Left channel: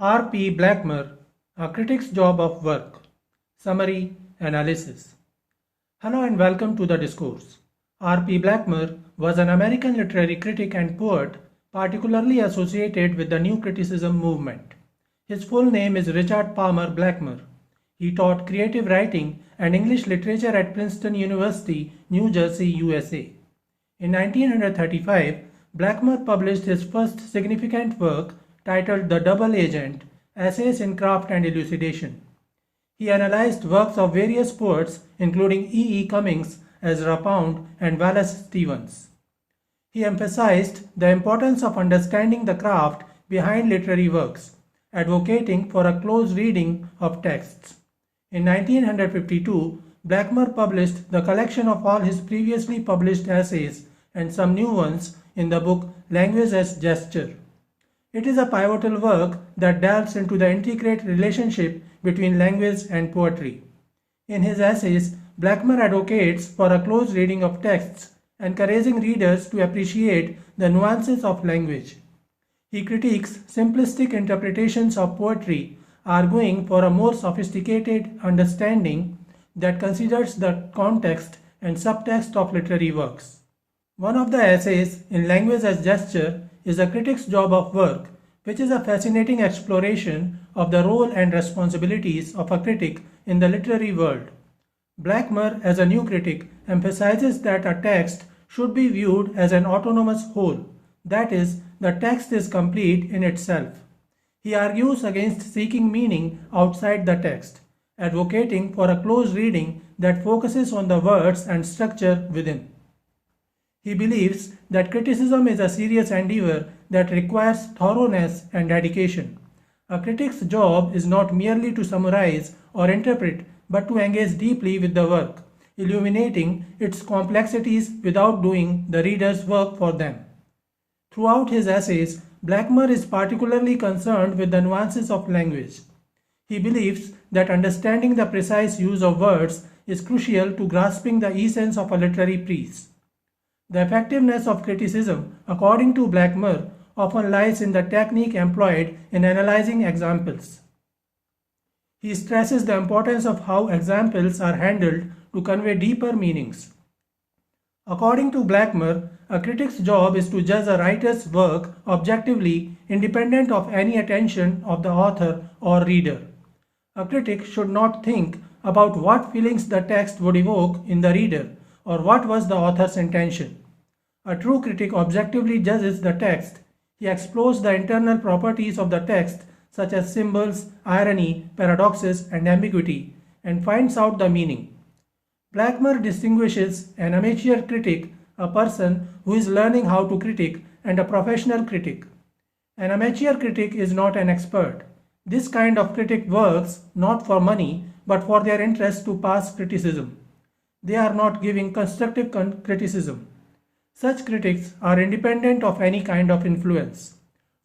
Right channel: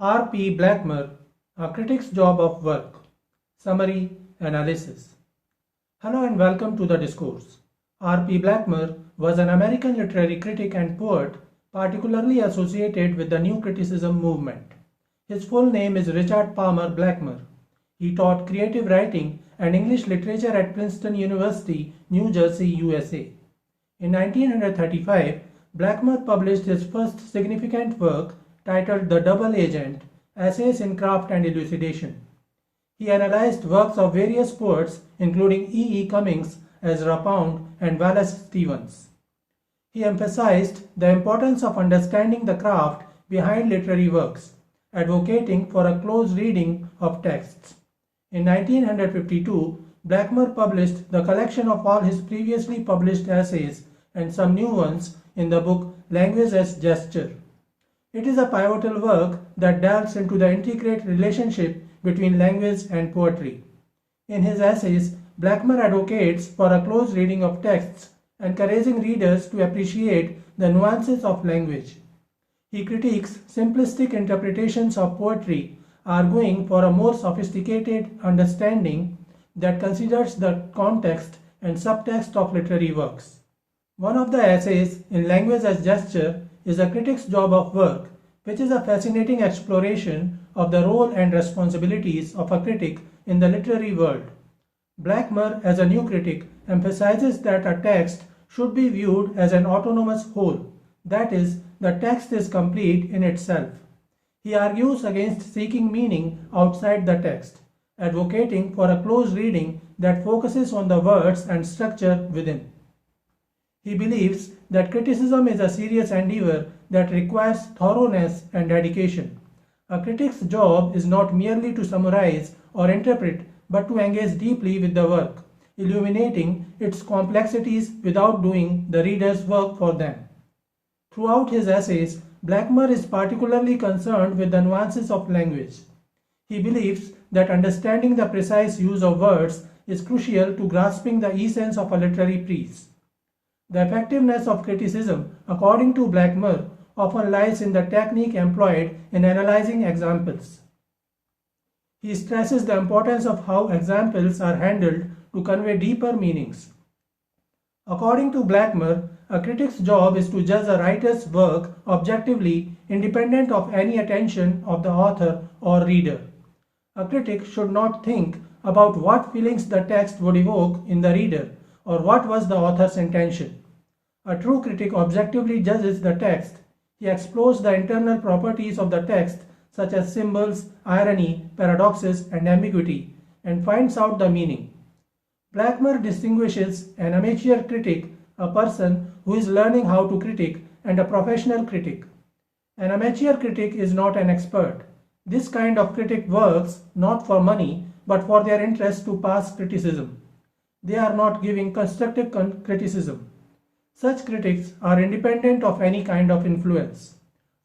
R. P. Blackmer, A Critic's Job of Work. Summary Analysis. Hello and welcome to the discourse. R. P. Blackmer was an American literary critic and poet, particularly associated with the New Criticism movement. His full name is Richard Palmer Blackmer. He taught creative writing and English literature at Princeton University, New Jersey, USA. In 1935, Blackmer published his first significant work titled The Double Agent, Essays in Craft and Elucidation. He analyzed works of various poets including E. E. Cummings, Ezra Pound, and Wallace Stevens. He emphasized the importance of understanding the craft behind literary works, advocating for a close reading of texts. In 1952, Blackmer published the collection of all his previously published essays and some new ones in the book Language as Gesture. It is a pivotal work that delves into the intricate relationship between language and poetry. In his essays, Blackmer advocates for a close reading of texts, encouraging readers to appreciate the nuances of language. He critiques simplistic interpretations of poetry, arguing for a more sophisticated understanding that considers the context and subtext of literary works. One of the essays in Language as Gesture is A Critic's Job of Work, which is a fascinating exploration of the role and responsibilities of a critic in the literary world. Blackmer, as a new critic, emphasizes that a text should be viewed as an autonomous whole, that is, the text is complete in itself. He argues against seeking meaning outside the text, advocating for a close reading that focuses on the words and structure within. He believes that criticism is a serious endeavor that requires thoroughness and dedication. A critic's job is not merely to summarize or interpret, but to engage deeply with the work, illuminating its complexities without doing the reader's work for them. Throughout his essays, Blackmer is particularly concerned with the nuances of language. He believes that understanding the precise use of words is crucial to grasping the essence of a literary piece. The effectiveness of criticism, according to Blackmer, often lies in the technique employed in analyzing examples. He stresses the importance of how examples are handled to convey deeper meanings. According to Blackmer, a critic's job is to judge a writer's work objectively, independent of any attention of the author or reader. A critic should not think about what feelings the text would evoke in the reader or what was the author's intention. A true critic objectively judges the text. He explores the internal properties of the text, such as symbols, irony, paradoxes, and ambiguity, and finds out the meaning. Blackmer distinguishes an amateur critic, a person who is learning how to critique, and a professional critic. An amateur critic is not an expert. This kind of critic works not for money, but for their interest to pass criticism. They are not giving constructive criticism. Such critics are independent of any kind of influence.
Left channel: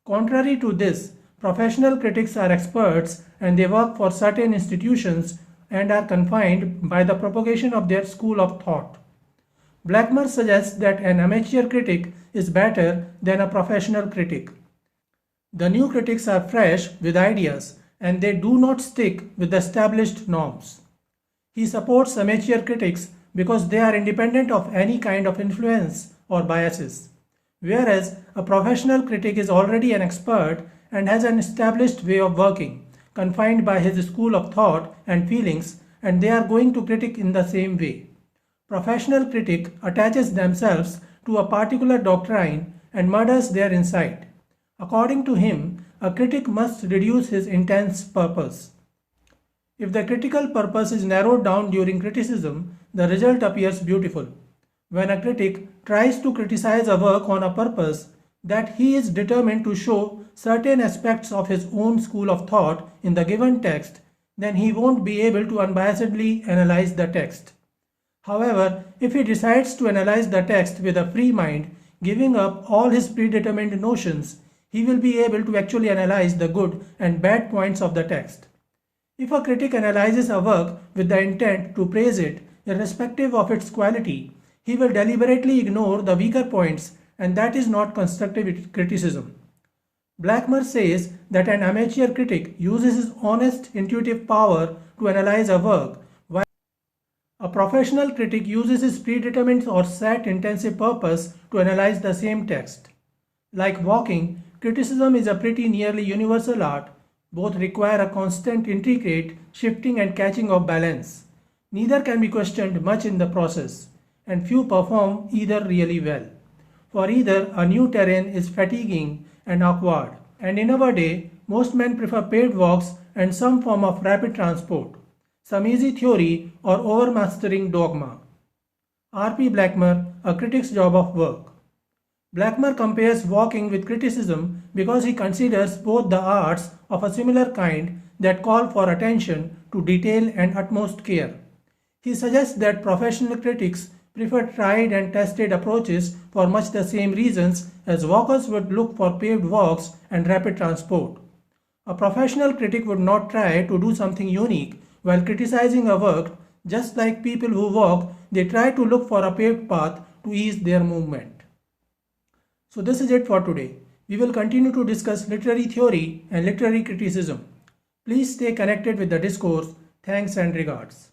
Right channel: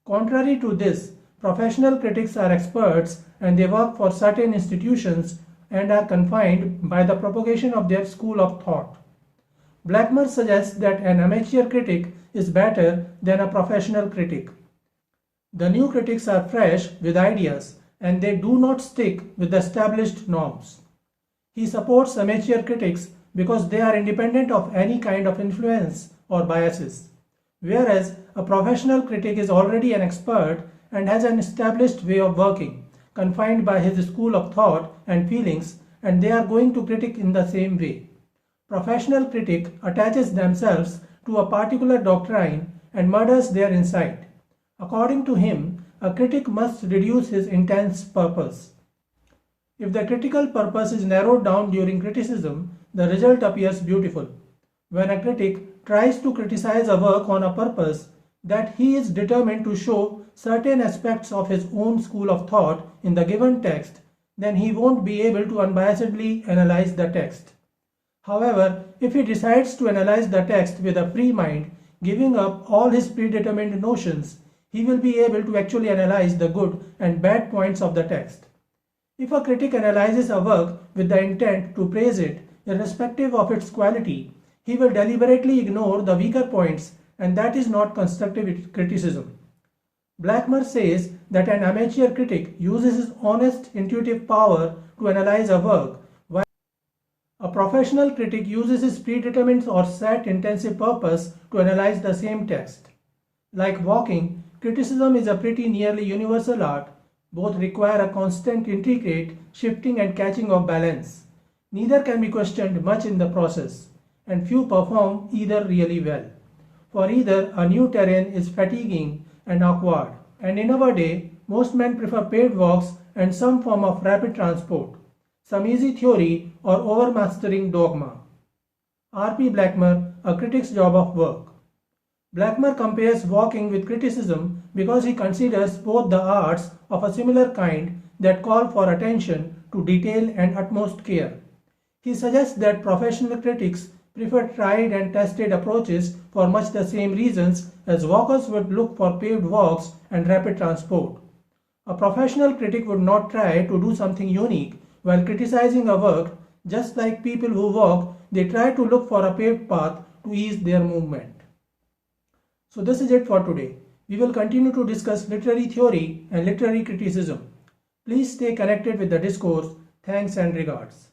Contrary to this, professional critics are experts and they work for certain institutions and are confined by the propagation of their school of thought. Blackmer suggests that an amateur critic is better than a professional critic. The new critics are fresh with ideas and they do not stick with the established norms. He supports amateur critics because they are independent of any kind of influence or biases, whereas a professional critic is already an expert and has an established way of working, confined by his school of thought and feelings, and they are going to critique in the same way. Professional critic attaches themselves to a particular doctrine and murders their insight. According to him, a critic must reduce his intense purpose. If the critical purpose is narrowed down during criticism, the result appears beautiful. When a critic tries to criticize a work on a purpose that he is determined to show certain aspects of his own school of thought in the given text, then he won't be able to unbiasedly analyze the text. However, if he decides to analyze the text with a free mind, giving up all his predetermined notions, he will be able to actually analyze the good and bad points of the text. If a critic analyzes a work with the intent to praise it, irrespective of its quality, he will deliberately ignore the weaker points, and that is not constructive criticism. Blackmer says that an amateur critic uses his honest, intuitive power to analyze a work, while a professional critic uses his predetermined or set intensive purpose to analyze the same text. Like walking, criticism is a pretty nearly universal art. Both require a constant, intricate shifting and catching of balance. Neither can be questioned much in the process, and few perform either really well. For either, a new terrain is fatiguing and awkward, and in our day, most men prefer paved walks and some form of rapid transport, some easy theory or overmastering dogma. R.P. Blackmer, A Critic's Job of Work. Blackmer compares walking with criticism because he considers both the arts of a similar kind that call for attention to detail and utmost care. He suggests that professional critics prefer tried and tested approaches for much the same reasons as walkers would look for paved walks and rapid transport. A professional critic would not try to do something unique while criticizing a work, just like people who walk, they try to look for a paved path to ease their movement. So this is it for today. We will continue to discuss literary theory and literary criticism. Please stay connected with the discourse. Thanks and regards.